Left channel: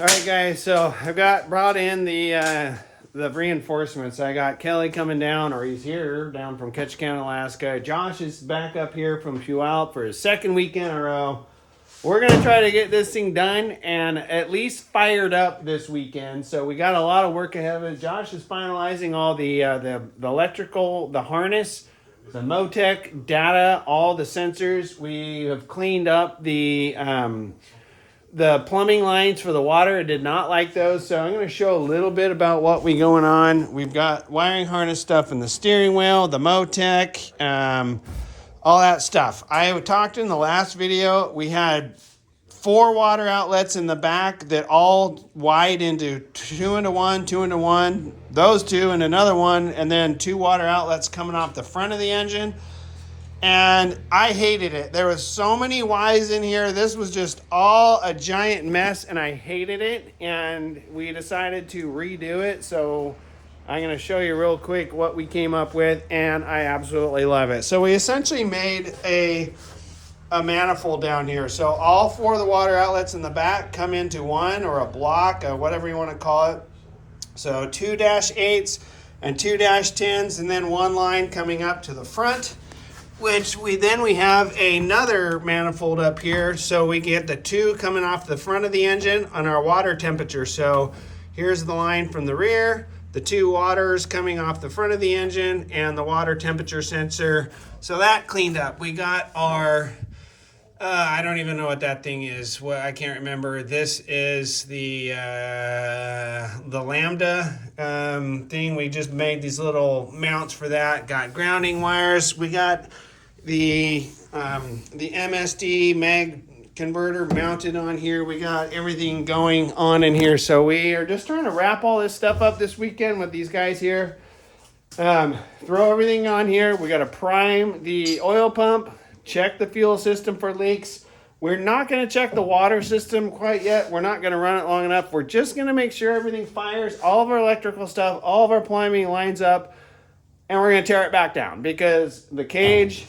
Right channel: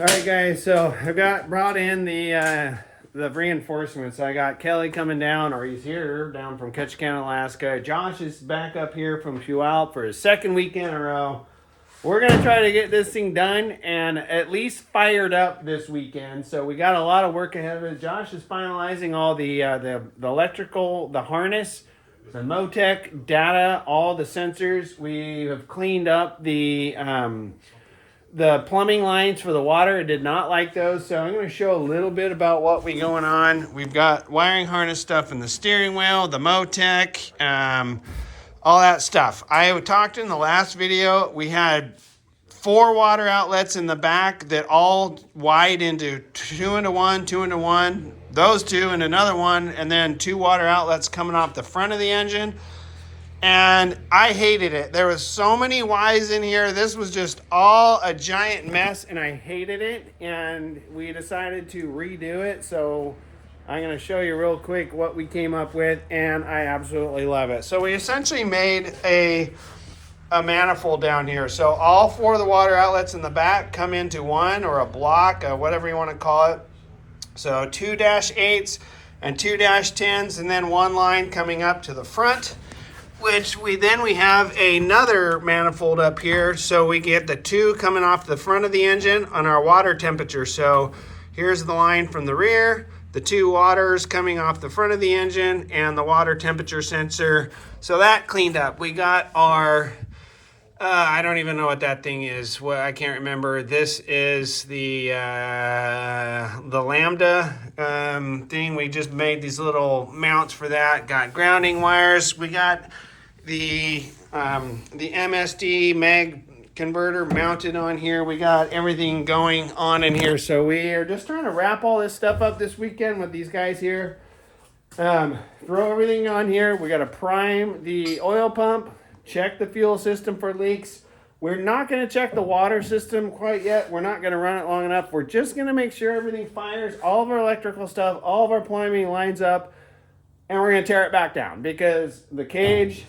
All right, guys. So I got brought in the reinforcements. I got Kelly coming down, or he's here down from Ketchikan, Alaska. Josh is back up here from Puyallup for his second weekend in a row. We're gonna try to get this thing done and at least fired up this weekend. So we got a lot of work ahead of it. Josh is finalizing all the electrical, the harness, the Motec data, all the sensors. We have cleaned up the plumbing lines for the water. I did not like those, so I'm going to show a little bit about what we going on. We've got wiring harness stuff in the steering wheel, the Motec, all that stuff. I talked in the last video, we had 4 water outlets in the back that all wide into 2 into 1, 2 into 1, those 2 and another one, and then 2 water outlets coming off the front of the engine. And I hated it. There was so many Y's in here. This was just all a giant mess, and I hated it. And we decided to redo it. So I'm going to show you real quick what we came up with, and I absolutely love it. So we essentially made a manifold down here. So all 4 of the water outlets in the back come into one, or a block, whatever you want to call it. So 2-8s and 2-10s, and then one line coming up to the front, which we have another manifold up here. So we get the 2 coming off the front of the engine on our water temperature. So here's the line from the rear, the 2 waters coming off the front of the engine, and the water temperature sensor. So that cleaned up. We got our, I don't even know what that thing is. Well, I can't remember. This is the Lambda thing. We just made these little mounts for that. Got grounding wires. We got the MSD mag converter mounted on here. We got everything going on in here. So we are just trying to wrap all this stuff up this weekend with these guys here. Throw everything on here. We got to prime the oil pump, check the fuel system for leaks. We're not going to check the water system quite yet. We're not going to run it long enough. We're just going to make sure everything fires, all of our electrical stuff, all of our plumbing lines up, and we're going to tear it back down because the cage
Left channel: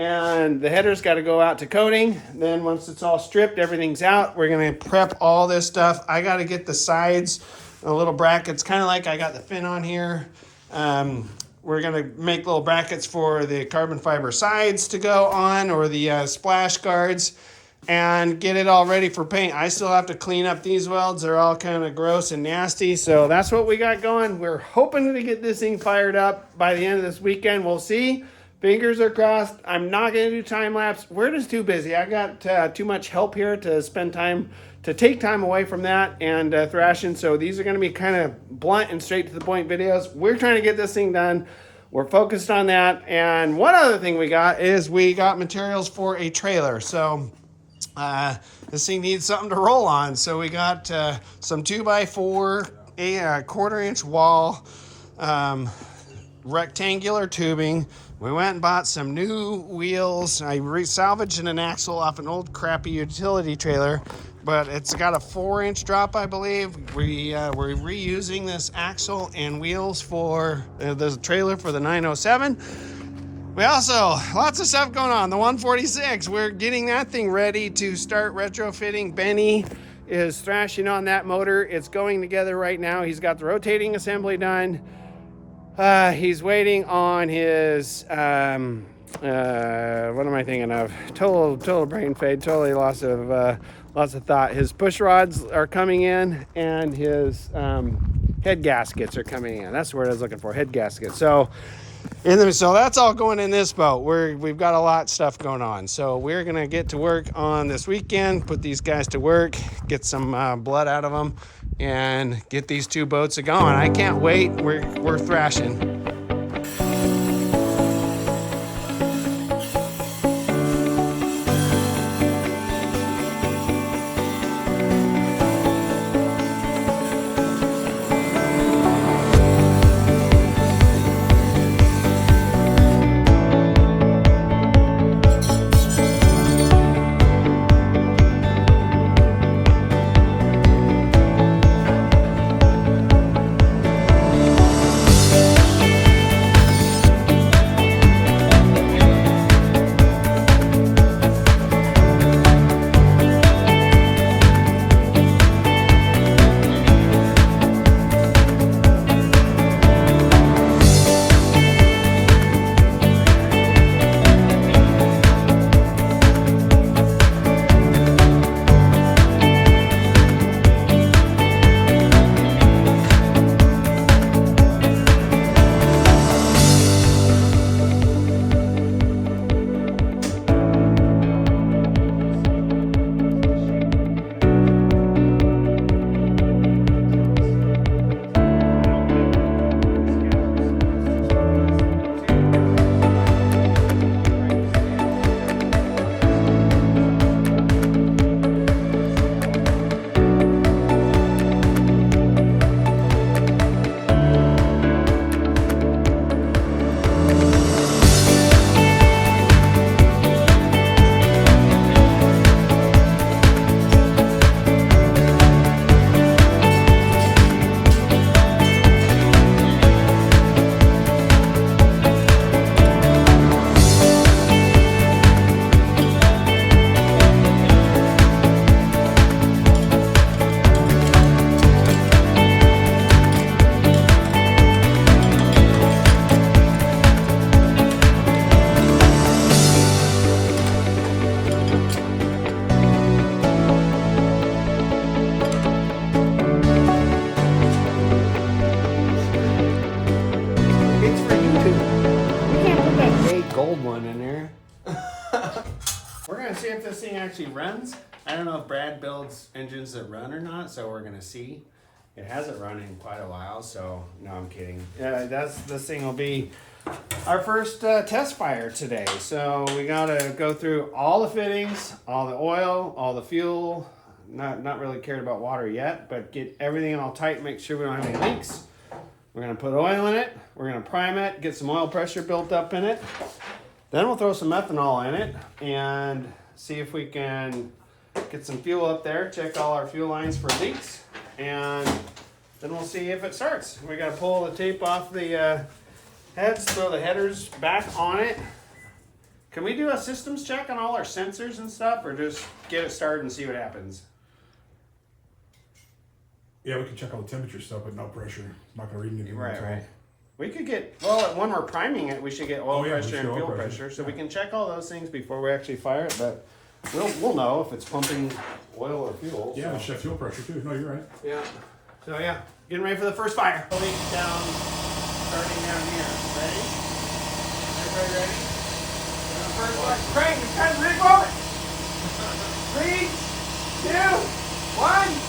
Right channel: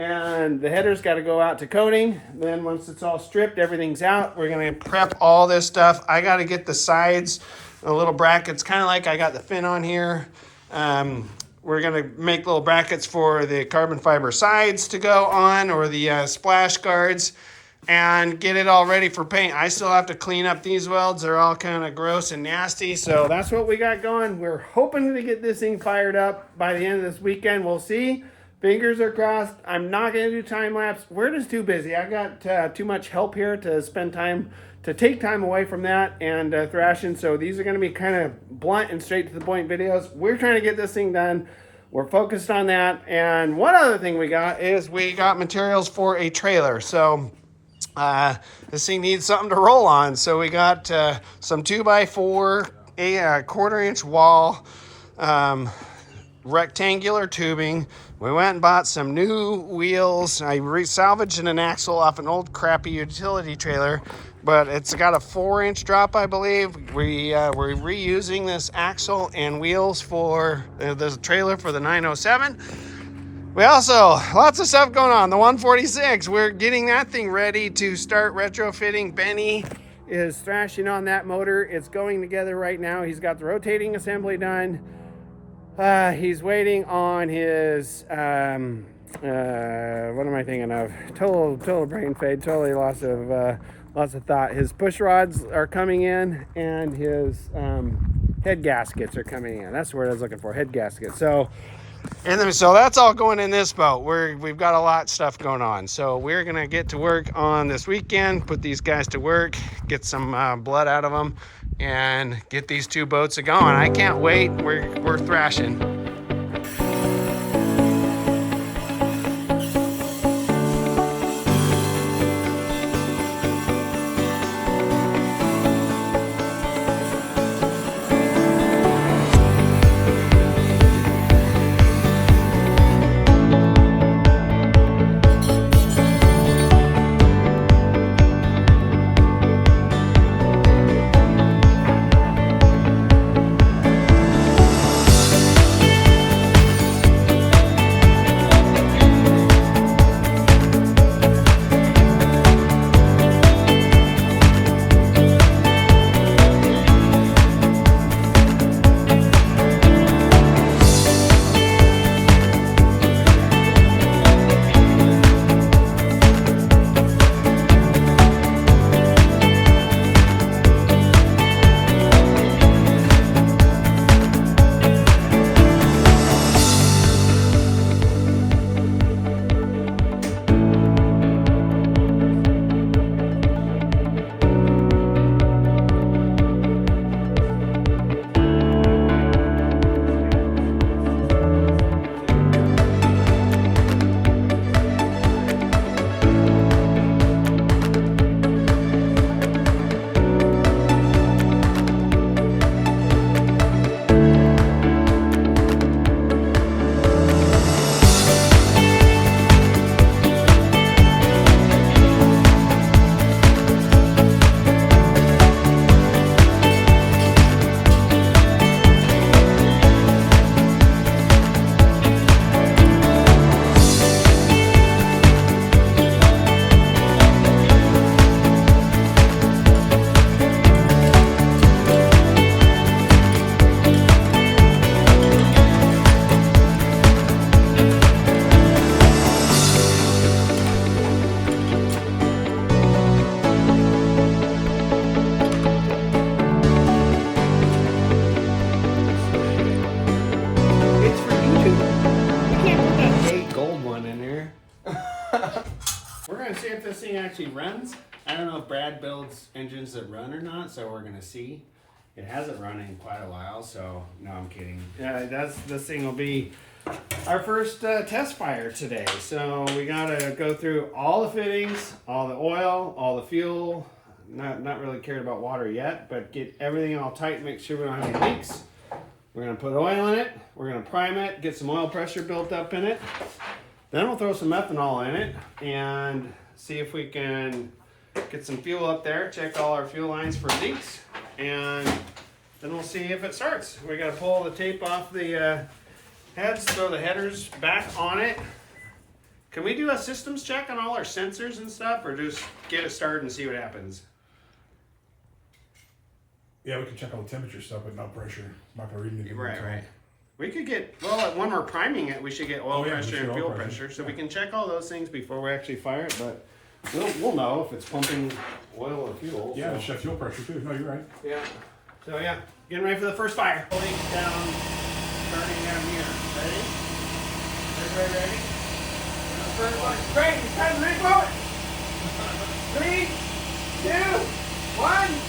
and the header's got to go out to coating. Then once it's all stripped, everything's out. We're going to prep all this stuff. I got to get the sides, the little brackets, kind of like I got the fin on here. We're going to make little brackets for the carbon fiber sides to go on, or the splash guards, and get it all ready for paint. I still have to clean up these welds. They're all kind of gross and nasty. So that's what we got going. We're hoping to get this thing fired up by the end of this weekend. We'll see. Fingers are crossed. I'm not going to do time lapse. We're just too busy. I got too much help here to spend time, to take time away from that and thrashing. So these are going to be kind of blunt and straight to the point videos. We're trying to get this thing done. We're focused on that. And one other thing we got is we got materials for a trailer. So this thing needs something to roll on. So we got some 2x4, a 1/4 inch wall, rectangular tubing. We went and bought some new wheels. I salvaged an axle off an old crappy utility trailer, but it's got a 4-inch drop, I believe. We're reusing this axle and wheels for the trailer for the 907. We also, lots of stuff going on. The 146, we're getting that thing ready to start retrofitting. Benny is thrashing on that motor. It's going together right now. He's got the rotating assembly done. He's waiting on his, what am I thinking of? Total brain fade, totally loss of thought. His push rods are coming in, and his head gaskets are coming in. That's the word I was looking for, head gaskets. So that's all going in this boat. We've got a lot of stuff going on. So we're going to get to work on this weekend, put these guys to work, get some blood out of them, and get these 2 boats going. I can't wait. We're thrashing. actually runs. I don't know if Brad builds engines that run or not, so we're gonna see. It hasn't run in quite a while, so no, I'm kidding. This thing will be our first test fire today. So we gotta go through all the fittings, all the oil, all the fuel. Not really cared about water yet, but get everything all tight, make sure we don't have any leaks. We're gonna put oil in it, we're gonna prime it, get some oil pressure built up in it. Then we'll throw some ethanol in it and see if we can get some fuel up there, check all our fuel lines for leaks, and then we'll see if it starts. We gotta pull the tape off the heads, throw the headers back on it. Can we do a systems check on all our sensors and stuff, or just get it started and see what happens? Yeah, we can check all the temperature stuff, but no pressure. Not gonna read anything. Right. We could get, well, when we're priming it, we should get oil pressure and fuel pressure. So we can check all those things before we actually fire it, but we'll know if it's pumping oil or fuel. Yeah, so. check fuel pressure too. No, you're right. Yeah. So yeah, getting ready for the first fire. Leak down, starting down here. Ready? Everybody ready? First one. Great, it's time to move forward. 3, 2, 1.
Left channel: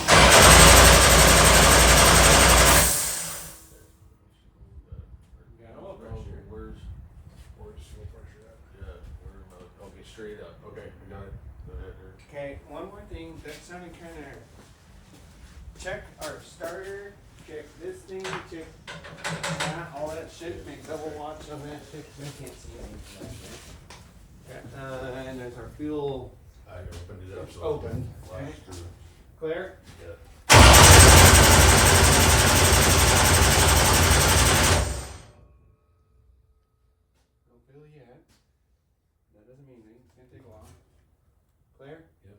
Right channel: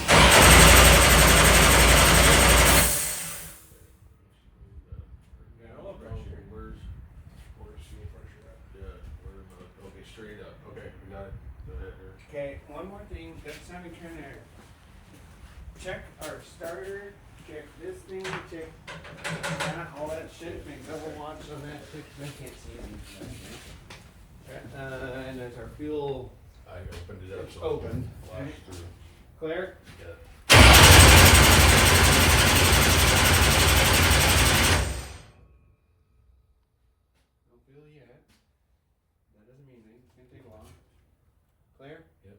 Straight up. Okay, we got it. Okay, one more thing. That's how we trying to check our starter, check this thing, check that, all that shit. Make double watch on that shit. I can't see anything. Okay. And there's our fuel. I opened it up. So Open. Okay. Clear? Yeah. No fuel yet. That doesn't mean anything. It's gonna take a while. Clear? Yep.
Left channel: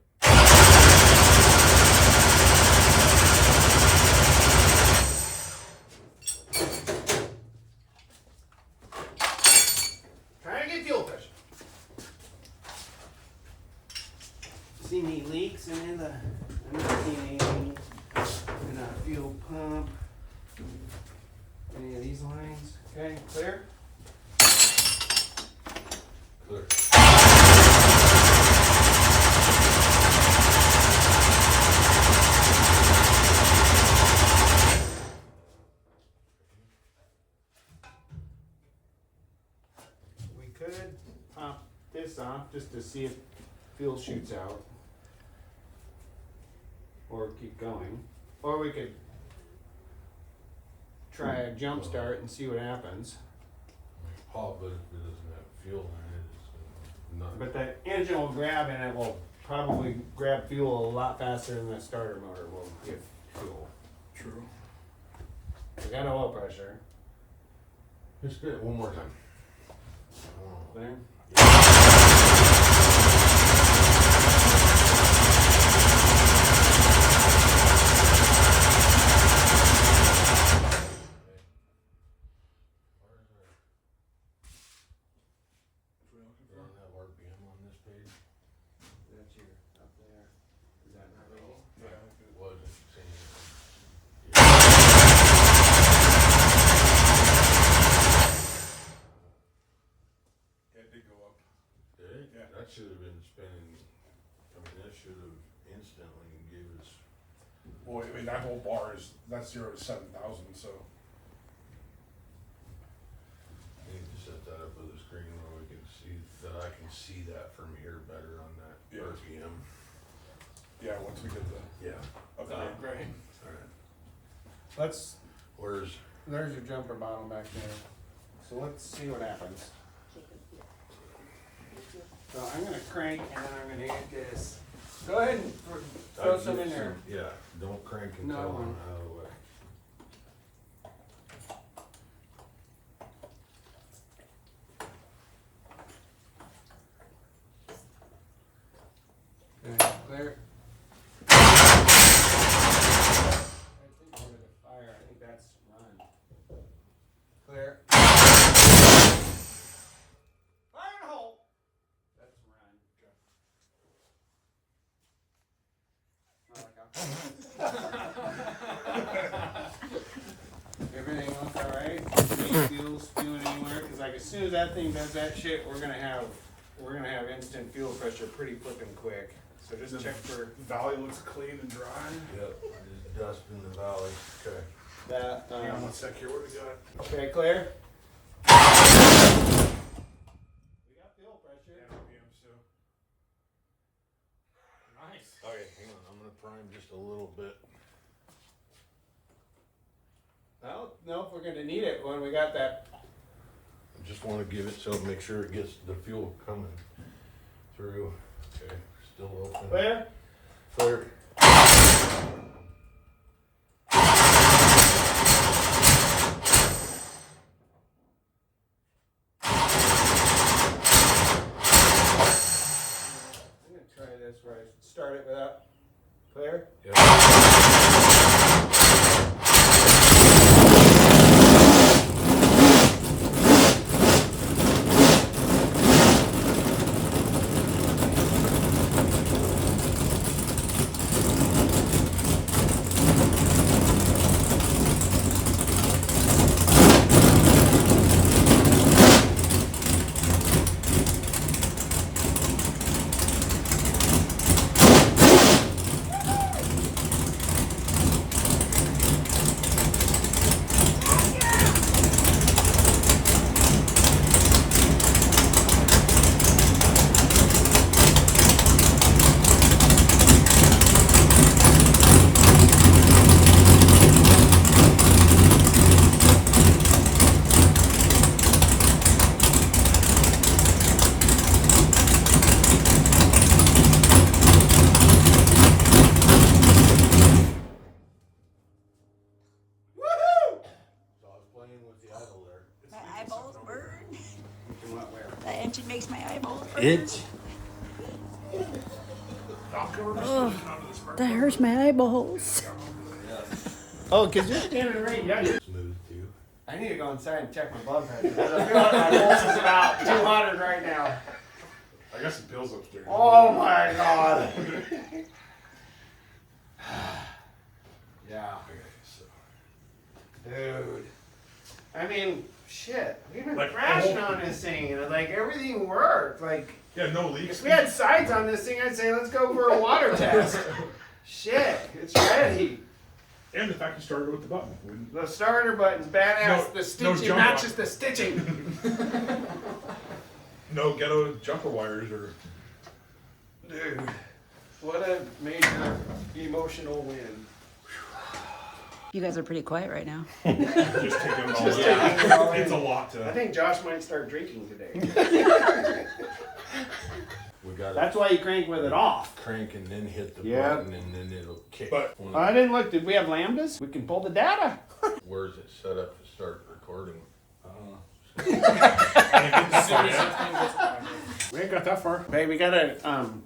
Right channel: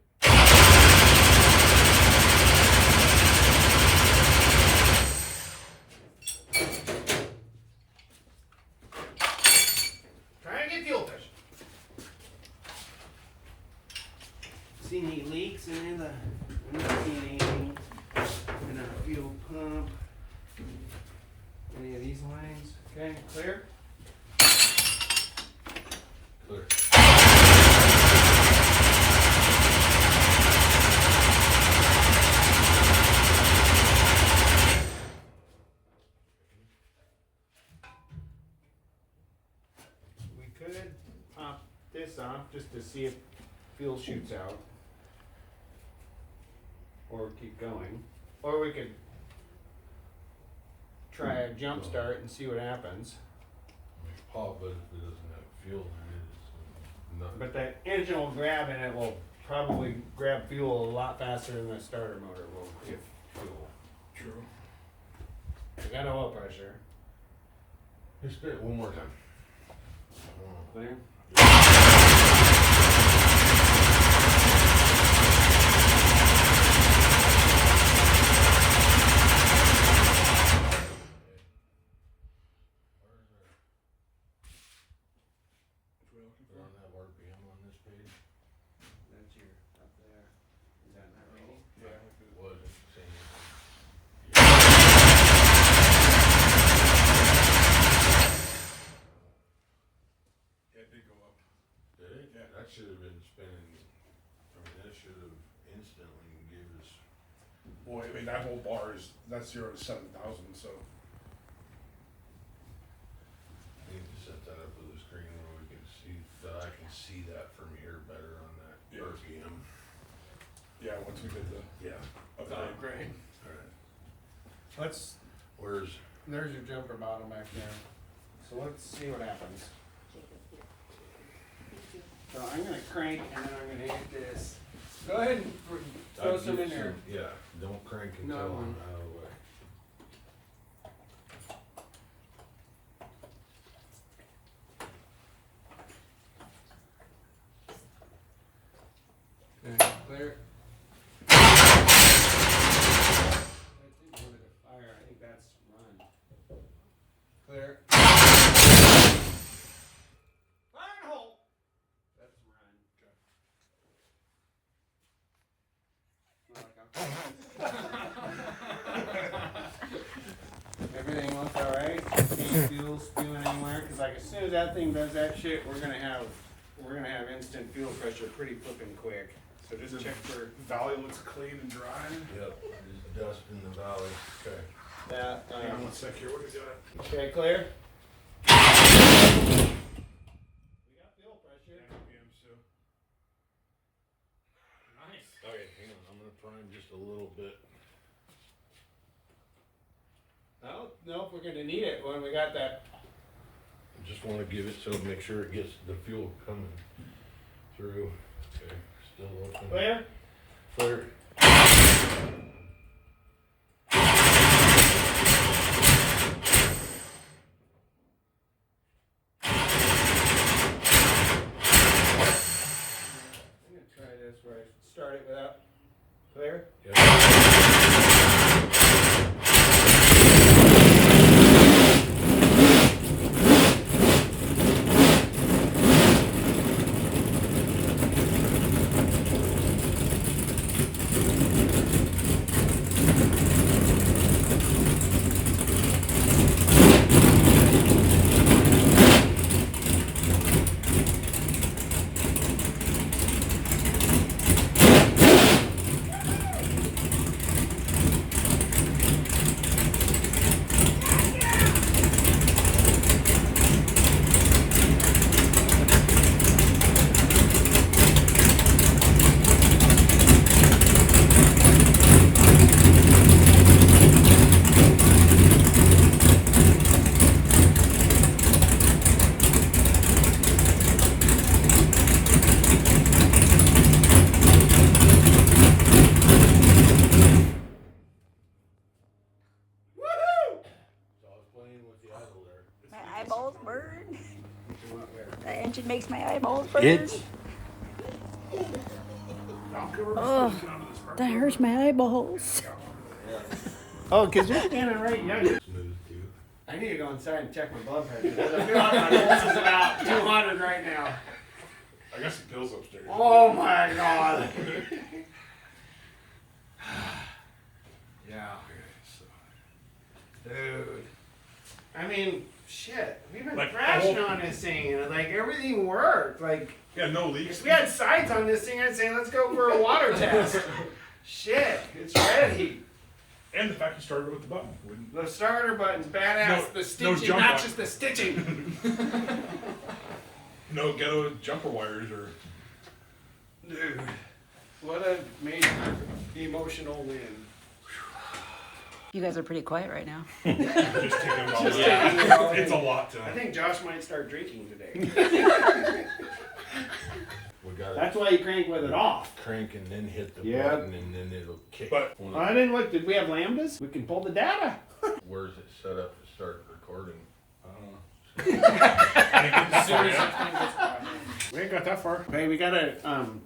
Try to get fuel pressure. See any leaks in the heating, in a fuel pump, any of these lines? Okay, clear? Clear. We could pop this off just to see if fuel shoots out. Or keep going. Or we could try a jump start and see what happens. Hot, but if it doesn't have fuel in it, it's not. But that engine will grab and it will probably grab fuel a lot faster than the starter motor will give fuel. True. We got oil pressure. Let's spin it one more time. Clear? We don't have RPM on this page. That's your up there. Is that not reading? Yeah, if it wasn't saying. It did go up. Did it? Yeah. That should have been spinning. I mean, that should have instantly gave us. Boy, I mean that whole bar that's 0 to 7,000. So. I need to set that up with a screen where we can see that. I can see that from here better on that RPM. Yeah, once we get the upgrade grade. All right. There's your jumper bottle back there. So let's see what happens. So I'm gonna crank and then I'm gonna hit this. Go ahead and throw some in there. Yeah, don't crank until No. I'm out of the way. Okay, clear. I think we're gonna fire. I think that's run. Clear. Fire and hold. That's run. Everything else all right? No fuel spewing anywhere? Because like as soon as that thing does that shit, we're gonna have instant fuel pressure pretty flippin' quick. So just check for valley looks clean and dry. Yep, just dust in the valley. Okay. That, Hang on one sec here. What do we got? okay, clear? We got fuel 10 pressure. RPM, so. Nice. Okay, hang on. I'm gonna prime just a little bit. No, nope, we're gonna need it when we got that. I just want to give it so make sure it gets the fuel coming through. Okay, still open. Clear? Clear. I'm gonna try this where I start it without. Clear? Yep. My eyeballs burn. The engine makes my eyeballs burn. It. Oh, that hurts my eyeballs. Oh, because you're standing right, yeah. Smooth too. I need to go inside and check my blood pressure. I feel like my pulse is about 200 right now. I got some pills upstairs. Oh my god. Yeah. Dude. I mean, shit. We've been Like, thrashing oh. on this thing and like everything worked. Like, Yeah, no leaks. if we had sides on this thing, I'd say let's go for a water test. Shit, it's ready. And the fact you started with the button. Wouldn't- The starter button's badass. No- the no stitching, jump not on. just the stitching. No ghetto jumper wires or. Dude, what a major emotional win. You guys are pretty quiet right now. Just taking it all Just in. taking it all in. It's a lot I to. think Josh might start drinking today. We got That's why you crank with it off. crank and then hit the Yep. button and then it'll kick. But- I didn't look. Did we have lambdas? We can pull the data. Where's it set up to start recording? We ain't got that far. Hey, we gotta come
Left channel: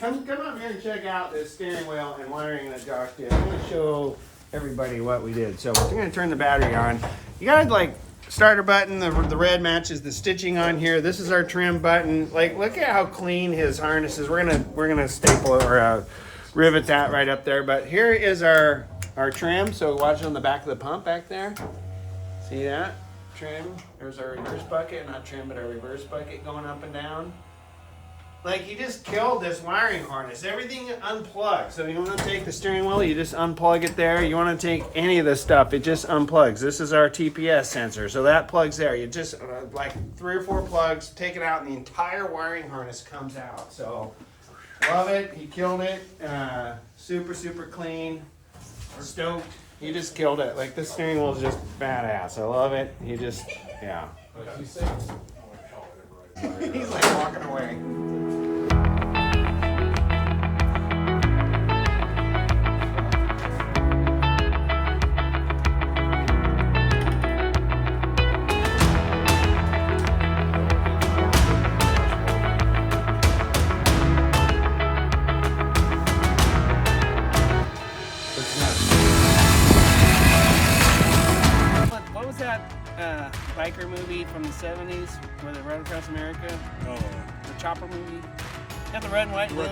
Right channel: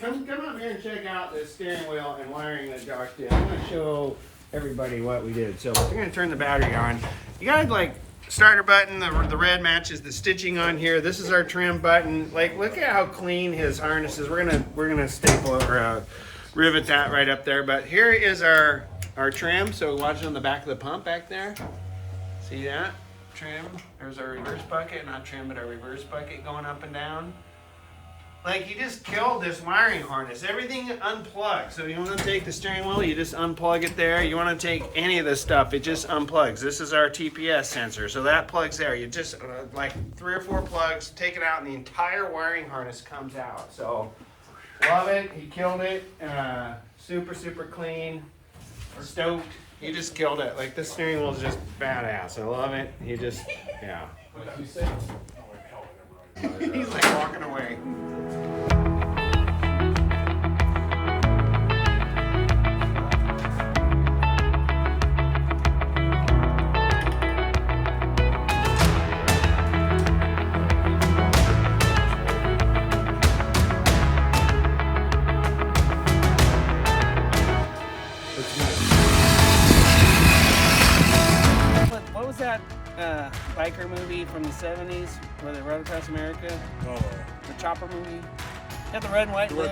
up here and check out this steering wheel and wiring that Josh did. I'm gonna show everybody what we did. So we're gonna turn the battery on. You gotta like starter button. The red matches the stitching on here. This is our trim button. Like, look at how clean his harness is. We're gonna staple or rivet that right up there. But here is our trim. So watch it on the back of the pump back there. See that? Trim. There's our reverse bucket, not trim, but our reverse bucket going up and down. Like, he just killed this wiring harness. Everything unplugged. So you want to take the steering wheel, you just unplug it there. You want to take any of the stuff, it just unplugs. This is our TPS sensor, so that plugs there. You just like 3 or 4 plugs, take it out, and the entire wiring harness comes out. So love it. He killed it. Super clean. Stoked. He just killed it. Like, this steering wheel is just badass. I love it. He just, yeah. He's like walking away. What was that biker movie from the 70s where they rode across America? Oh. The chopper movie? Got the red and white blue.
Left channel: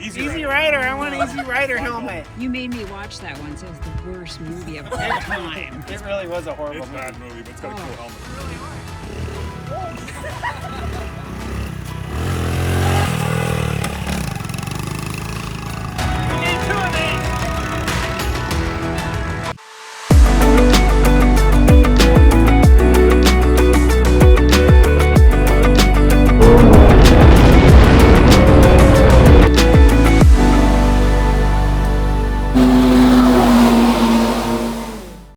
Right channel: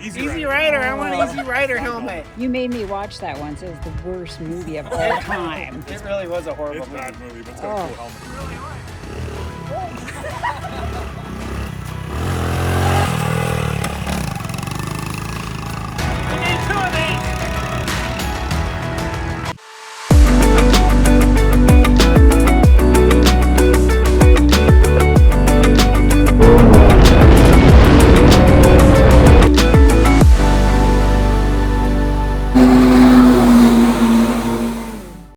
Easy Rider. I want an Easy Rider helmet. You made me watch that once. It was the worst movie of all time. It really was a horrible It's a movie. bad movie, but it's got a cool helmet. Really was.